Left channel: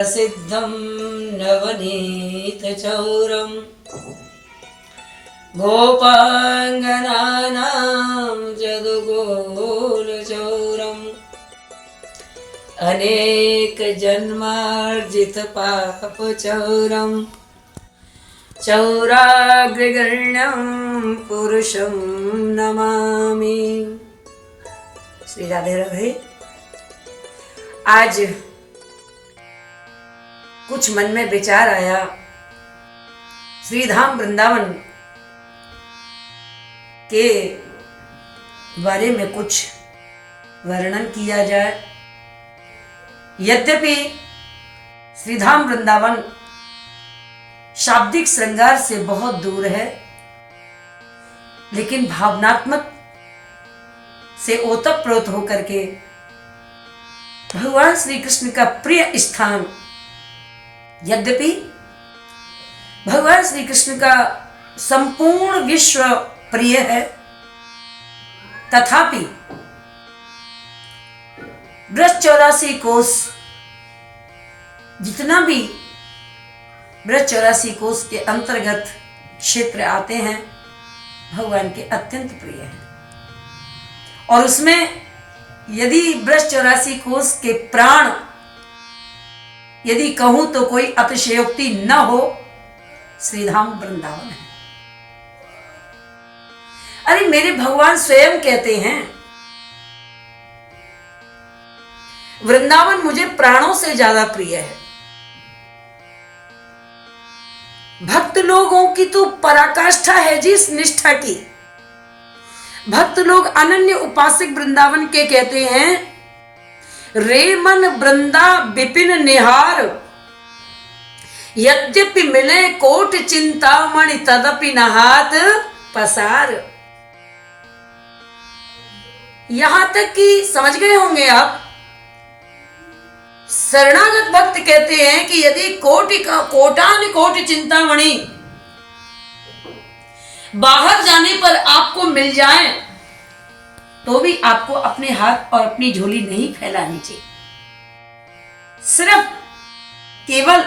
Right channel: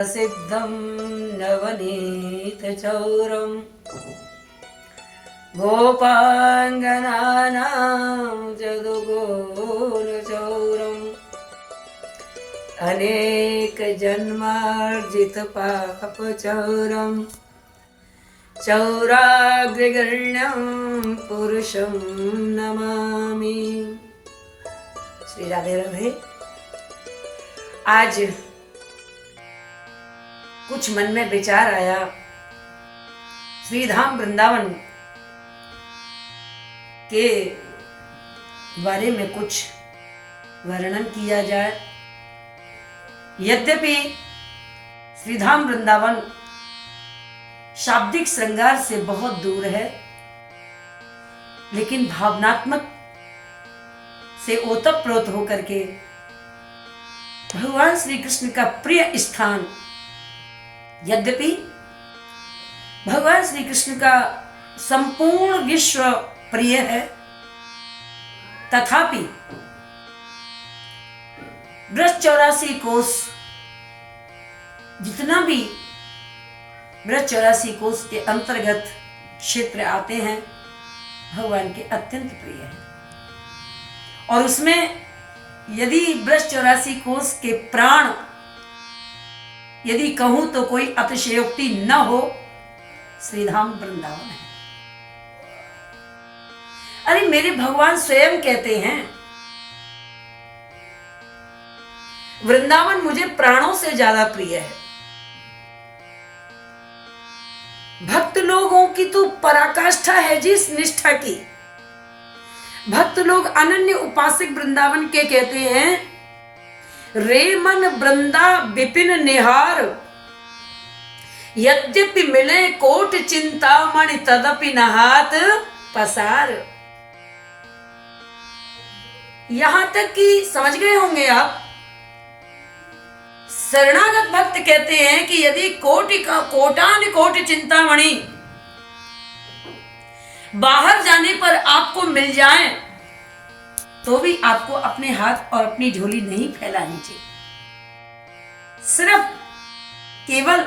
प्रसिद्धं नवनीतचौरं गोपाङ्गनानां जदुगोलचौरम् अनेकजन्मार्जितपापचौरं चौराग्रगण्यं पुरुषं नमामि। श्री राधे राधे। आज कुछ मन में विचार आया, श्री धाम वृंदावन के बारे में कुछ वर्णन किया जाए। यद्यपि श्री धाम वृंदावन शाब्दिक श्रृंगार से बहुत दूर है, लेकिन भावनात्मक से ओतप्रोत होकर के भगवान श्री कृष्ण का प्रिय स्थान। यद्यपि भगवान श्री कृष्ण का संपूर्ण विश्व प्रिय है, तथापि ब्रज 84 कोस, जितना भी ब्रज 84 कोस के अंतर्गत क्षेत्र आते हैं, भगवान के अत्यंत प्रिय हैं। और उसमें यदि ब्रज 84 कोस के प्राण यदि कहूं तो कोई अतिशयोक्ति न हो, श्रीधाम वृंदावन है। अरे मेरे भगवान स्वयं कहते हैं, वृंदावन मुझे प्राणों से ज्यादा प्रिय है। भक्त लोगों की तो पराकाष्ठा है जिस निष्ठा की। भक्त लोग अनन्य उपासक वृंदावन के कहते हैं, रे मन वृंदा विपिन निहार, यद्यपि मिले कोट चिंतामणि तदपि नहात पसार। यहां तक कि समझ गए होंगे आप, शरणागत भक्त कहते हैं कि यदि कोटान कोट चिंतामणि बाहर जाने पर आपको मिल जाए, तो भी आपको अपने हाथ और अपनी झोली नहीं फैलानी चाहिए। सिर्फ केवल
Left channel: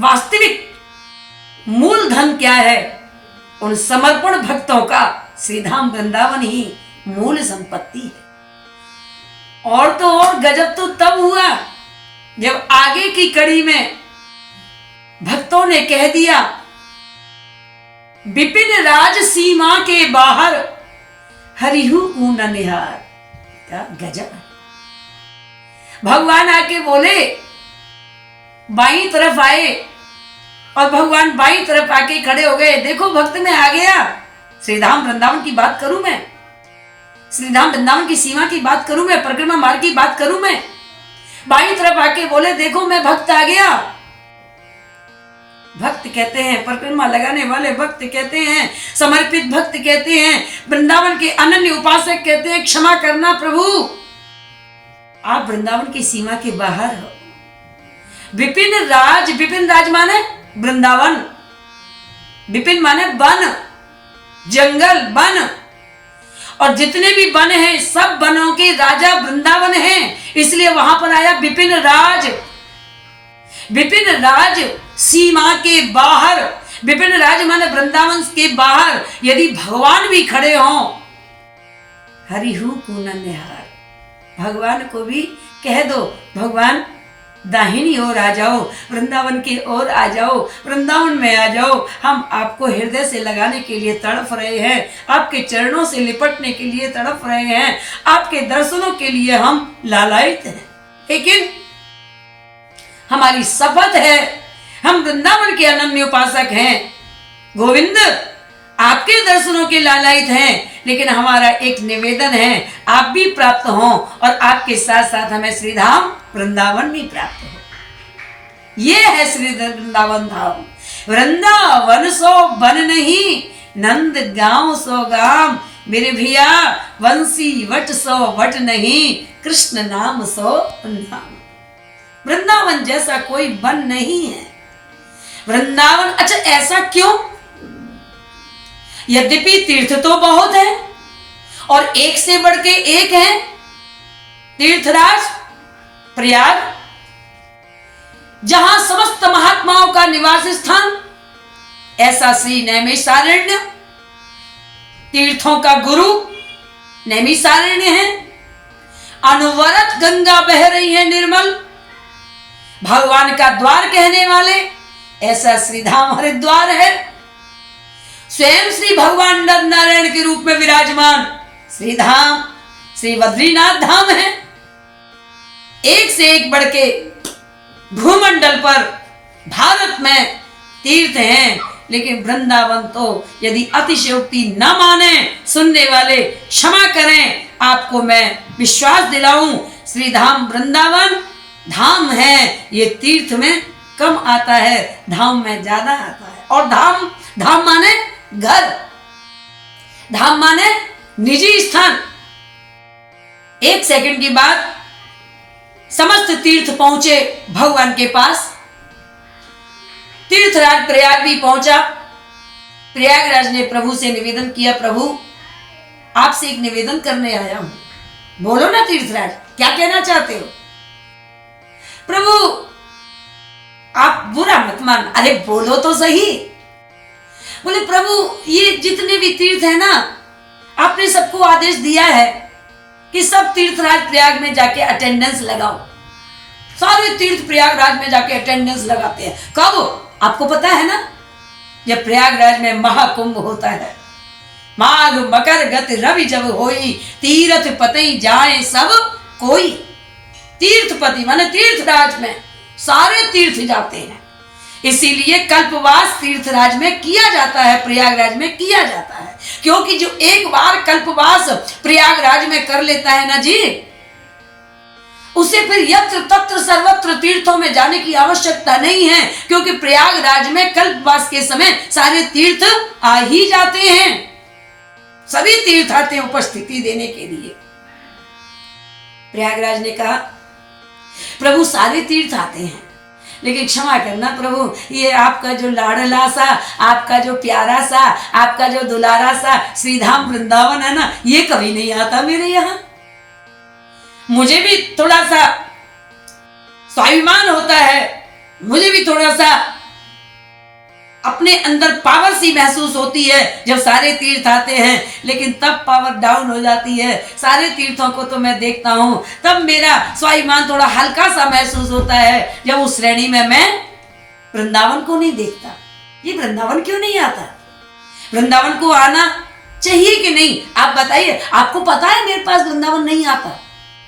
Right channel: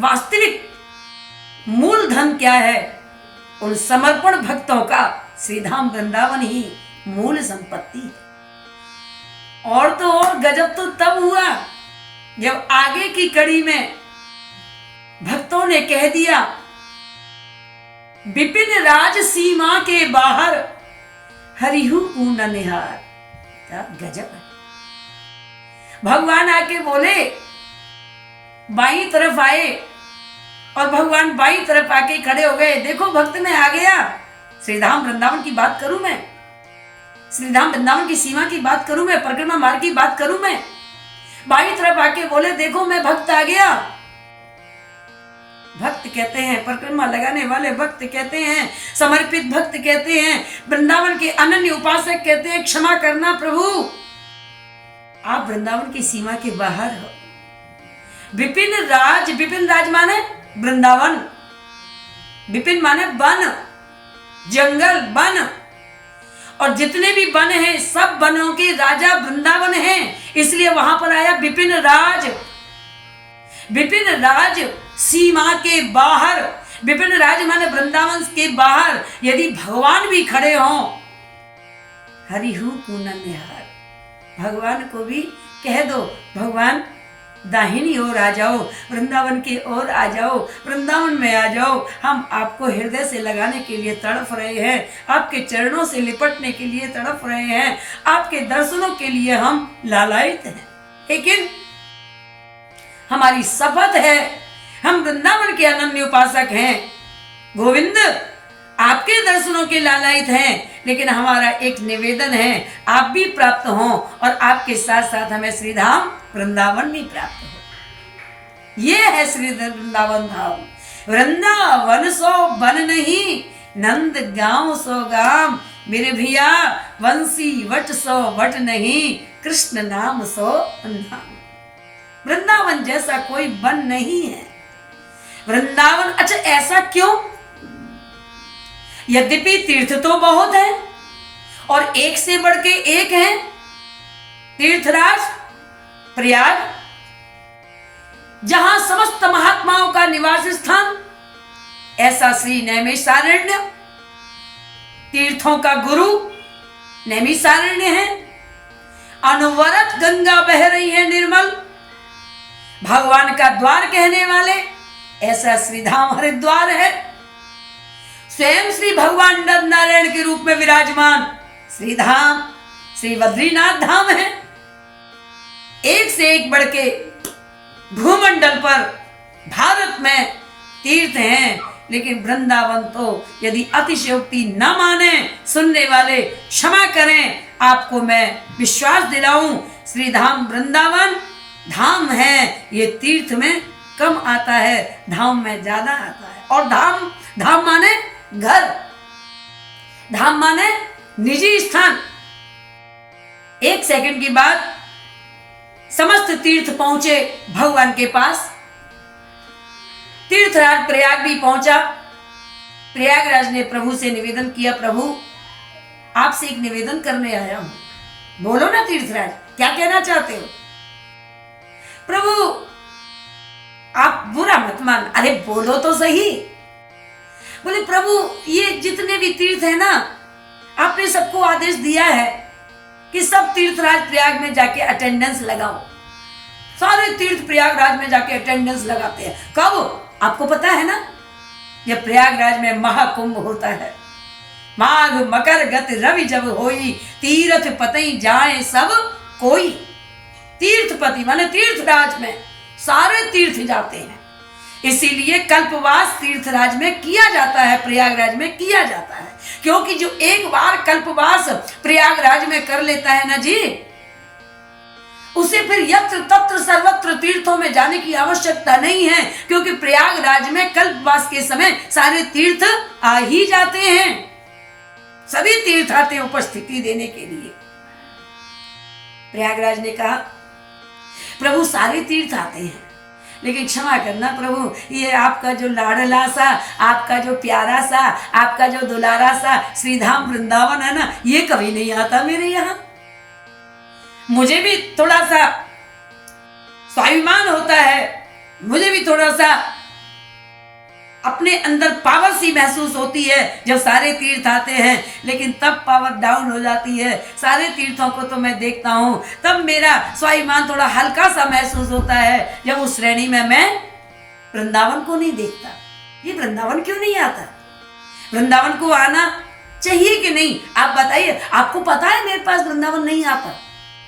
वास्तविक मूल धन क्या है, उन समर्पण भक्तों का श्रीधाम वृंदावन ही मूल संपत्ति है। और तो और गजब तो तब हुआ जब आगे की कड़ी में भक्तों ने कह दिया, विपिन राज सीमा के बाहर हरिहु ऊन निहार। क्या गजब है। भगवान आके बोले, बाईं तरफ आए और भगवान बाईं तरफ आके खड़े हो गए। देखो भक्त में आ गया। श्रीधाम वृंदावन की बात करूं मैं, श्रीधाम वृंदावन की सीमा की बात करूं मैं, परिक्रमा मार्ग की बात करूं मैं। बाईं तरफ आके बोले, देखो मैं भक्त आ गया। भक्त कहते हैं, परिक्रमा लगाने वाले भक्त कहते हैं, समर्पित भक्त कहते हैं, वृंदावन के अनन्य उपासक कहते हैं, क्षमा करना प्रभु, आप वृंदावन की सीमा के बाहर हो। विपिन राज माने वृंदावन, विपिन माने वन, जंगल, वन, और जितने भी वन हैं सब वनों के राजा वृंदावन हैं, इसलिए वहां पर आया विपिन राज। विपिन राज सीमा के बाहर, विपिन राज माने वृंदावन के बाहर यदि भगवान भी खड़े हों, हरिहु पूर्ण निहार। भगवान को भी कह दो, भगवान दाहिनी ओर आ जाओ, वृंदावन की ओर आ जाओ, वृंदावन में आ जाओ। हम आपको हृदय से लगाने के लिए तड़प रहे हैं, आपके चरणों से लिपटने के लिए तड़प रहे हैं, आपके दर्शनों के लिए हम लालायित हैं। लेकिन हमारी शपथ है, हम वृंदावन के अनन्य उपासक हैं, गोविंद आपके दर्शनों के लालायित हैं, लेकिन हमारा एक निवेदन है, आप भी प्राप्त हों और आपके साथ साथ हमें श्रीधाम वृंदावन भी प्राप्त हो। ये है श्री वृंदावन धाम। वृंदावन सो वन नहीं, नंद गांव सो गाम, मेरे भैया वंशी वट सो वट नहीं, कृष्ण नाम सो नाम। वृंदावन जैसा कोई वन नहीं है। वृंदावन, अच्छा ऐसा क्यों? यद्यपि तीर्थ तो बहुत है और एक से बढ़ के एक है, तीर्थराज प्रयाग, जहां समस्त महात्माओं का निवास स्थान, ऐसा श्री नैमिषारण्य तीर्थों का गुरु नैमिषारण्य है। अनवरत गंगा बह रही है निर्मल, भगवान का द्वार कहने वाले ऐसा श्रीधाम हरिद्वार है। स्वयं श्री भगवान नर नारायण के रूप में विराजमान श्रीधाम श्री बद्रीनाथ धाम है। एक से एक बढ़ के भूमंडल पर भारत में तीर्थ हैं, लेकिन वृंदावन तो यदि अतिशयोक्ति न माने सुनने वाले क्षमा करें, आपको मैं विश्वास दिलाऊं, श्रीधाम वृंदावन धाम है, ये तीर्थ में कम आता है, धाम में ज्यादा आता है। और धाम, धाम माने घर, धाम माने निजी स्थान। एक सेकंड की बात, समस्त तीर्थ पहुंचे भगवान के पास। तीर्थराज प्रयाग भी पहुंचा। प्रयागराज ने प्रभु से निवेदन किया, प्रभु आपसे एक निवेदन करने आया हूं, बोलो ना तीर्थराज, क्या कहना चाहते हो? प्रभु आप बुरा मत मान। अरे बोलो तो सही। बोले प्रभु ये जितने भी तीर्थ है ना, आपने सबको आदेश दिया है कि सब तीर्थराज प्रयाग में जाके अटेंडेंस लगाओ। सारे तीर्थ प्रयागराज में जाके अटेंडेंस लगाते हैं। कब? आपको पता है ना, जब प्रयागराज में महाकुंभ होता है। माघ मकर गत रवि जब होई, तीर्थ पति जाए सब कोई। तीर्थपति माने तीर्थराज में सारे तीर्थ जाते हैं, इसीलिए कल्पवास तीर्थराज में किया जाता है, प्रयागराज में किया जाता है। क्योंकि जो एक बार कल्पवास प्रयागराज में कर लेता है ना जी, उसे फिर यत्र तत्र सर्वत्र तीर्थों में जाने की आवश्यकता नहीं है, क्योंकि प्रयागराज में कल्पवास के समय सारे तीर्थ आ ही जाते हैं। सभी तीर्थ आते हैं उपस्थिति देने के लिए। प्रयागराज ने कहा प्रभु सारे तीर्थ आते हैं, लेकिन क्षमा करना प्रभु, ये आपका जो लाडला सा, आपका जो प्यारा सा, आपका जो दुलारा सा श्रीधाम वृंदावन है ना, ये कभी नहीं आता मेरे यहाँ। मुझे भी थोड़ा सा स्वाभिमान होता है, मुझे भी थोड़ा सा अपने अंदर पावर सी महसूस होती है जब सारे तीर्थ आते हैं, लेकिन तब पावर डाउन हो जाती है। सारे तीर्थों को तो मैं देखता हूं, तब मेरा स्वाभिमान थोड़ा हल्का सा महसूस होता है जब उस श्रेणी में मैं वृंदावन को नहीं देखता। ये वृंदावन क्यों नहीं आता? वृंदावन को आना चाहिए कि नहीं? आप बताइए, आपको पता है मेरे पास वृंदावन नहीं आता?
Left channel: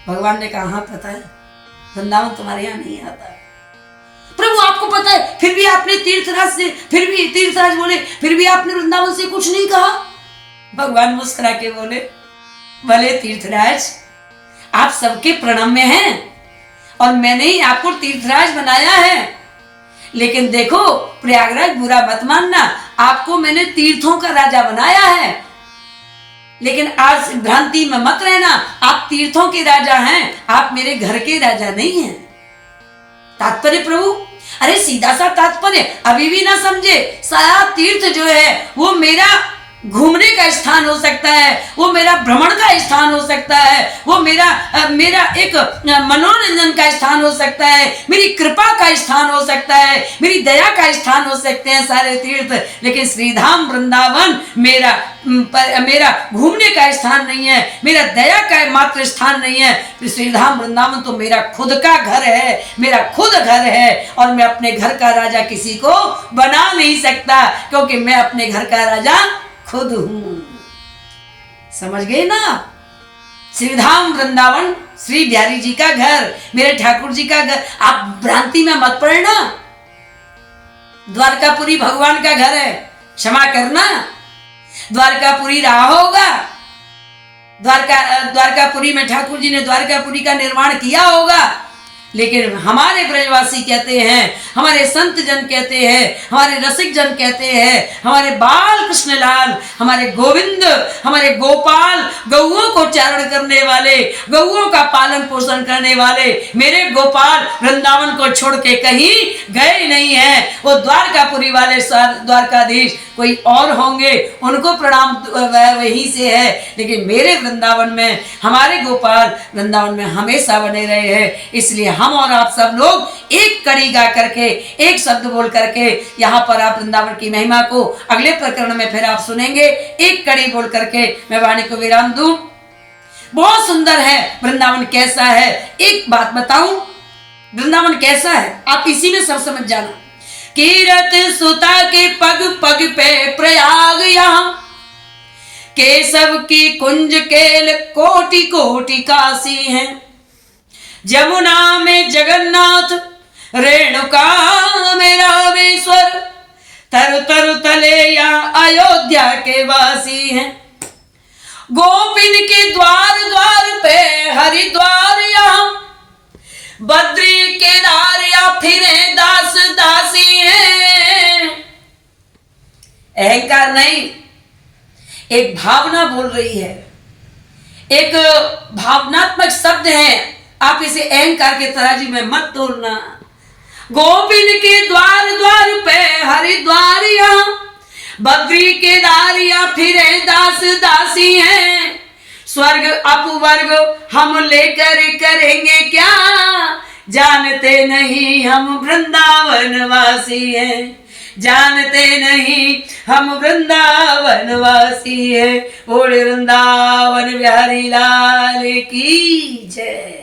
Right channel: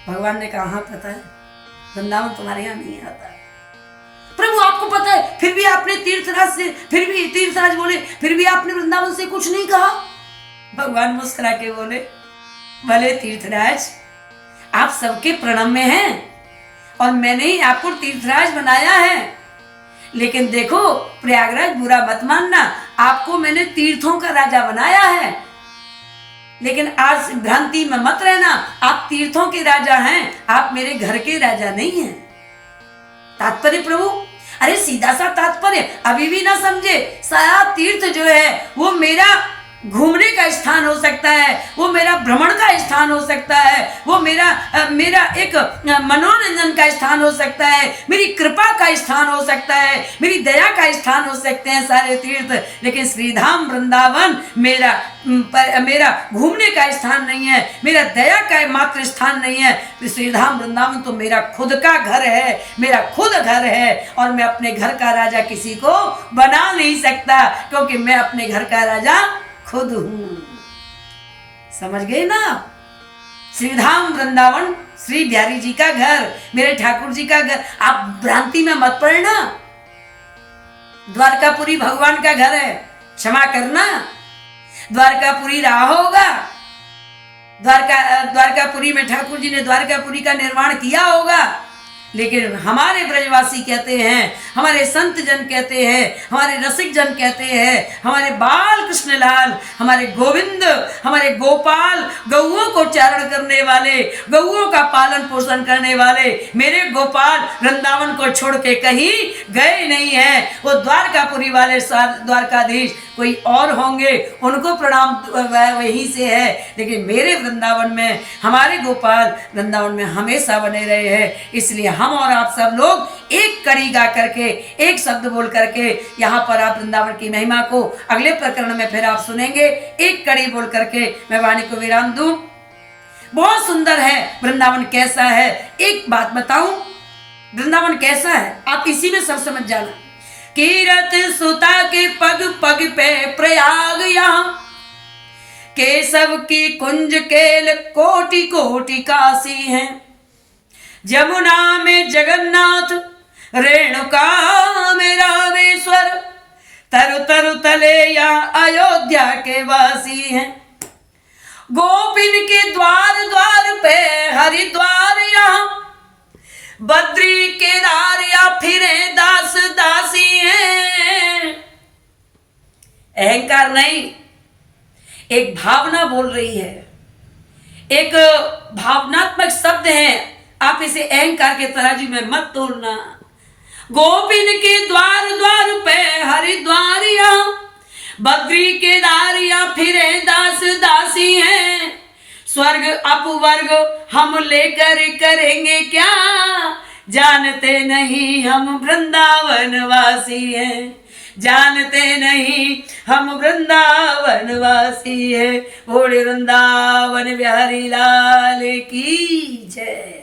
भगवान ने कहा हाँ पता है, वृंदावन तुम्हारे यहाँ नहीं आता। प्रभु आपको पता है, फिर भी आपने तीर्थराज से, फिर भी तीर्थराज बोले, फिर भी आपने वृंदावन से कुछ नहीं कहा। भगवान मुस्कुरा के बोले, भले तीर्थराज आप सबके प्रणम में हैं और मैंने ही आपको तीर्थराज बनाया है, लेकिन देखो प्रयागराज बुरा मत मानना, आपको मैंने तीर्थों का राजा बनाया है, लेकिन आज भ्रांति में मत रहना, आप तीर्थों के राजा हैं, आप मेरे घर के राजा नहीं हैं। तात्पर्य प्रभु, अरे सीधा सा तात्पर्य अभी भी ना समझे। सारा तीर्थ जो है वो मेरा घूमने का स्थान हो सकता है, वो मेरा भ्रमण का स्थान हो सकता है, वो मेरा एक मनोरंजन का स्थान हो सकता है, मेरी कृपा का स्थान हो सकता है, मेरी दया का स्थान हो सकते हैं सारे तीर्थ, लेकिन श्रीधाम वृंदावन मेरा घूमने का स्थान नहीं है, मेरा दया का मात्र स्थान नहीं है। श्रीधाम वृंदावन तो मेरा खुद का घर है, मेरा खुद घर है, और मैं अपने घर का राजा किसी को बना नहीं सकता, क्योंकि मैं अपने घर का राजा खुद हूं। समझ गए ना? श्रीधाम वृंदावन श्री बिहारी जी का घर, मेरे ठाकुर जी का घर। आप भ्रांति में मत पड़ना, द्वारकापुरी भगवान का घर है, क्षमा करना, द्वारकापुरी रहा होगा, द्वारकापुरी में ठाकुर जी ने द्वारकापुरी का निर्माण किया होगा, लेकिन हमारे ब्रजवासी कहते हैं, हमारे संत जन कहते हैं, हमारे रसिक जन कहते हैं, हमारे बाल कृष्णलाल, हमारे गोविंद, हमारे गोपाल, गौओं को चारण करने वाले, गौओं का पालन पोषण करने वाले मेरे गोपाल वृंदावन को छोड़ के कहीं गए नहीं हैं। वो द्वारकापुरी वाले द्वारकाधीश कोई और होंगे, उनको प्रणाम वहीं से है, लेकिन मेरे वृंदावन में हमारे गोपाल वृंदावन में हमेशा बने रहे हैं, इसलिए हम और आप सब लोग एक कड़ी गा करके, एक शब्द बोल करके यहाँ पर आप वृंदावन की महिमा को अगले प्रकरण में फिर आप सुनेंगे। एक कड़ी बोल करके मैं वाणी को विराम दूं। बहुत सुंदर है वृंदावन, कैसा है एक बात बताऊं, वृंदावन कैसा है आप इसी में सब समझ जाना। कीरत सुता के पग पग पे प्रयाग यहाँ, केशव की कुंज केल कोटि कोटि काशी हैं, जमुना में जगन्नाथ रेणुका में रामेश्वर, तरु तरु तले यहाँ अयोध्या के वासी हैं, गोपिन के द्वार द्वार पे हरिद्वार यहाँ, बद्री केदार या फिरे दास दासी हैं। अहंकार नहीं, एक भावना बोल रही है, एक भावनात्मक शब्द है, आप इसे अहंकार के तराजू में मत तोलना। गोपिन के द्वार द्वार पे हरिद्वार यहाँ, बद्री केदार या फिरे दास दासी हैं, स्वर्ग अपवर्ग हम लेकर करेंगे क्या, जानते नहीं हम वृंदावन वासी हैं, जानते नहीं हम वृंदावन वासी हैं। बोले वृंदावन बिहारी लाल की जय।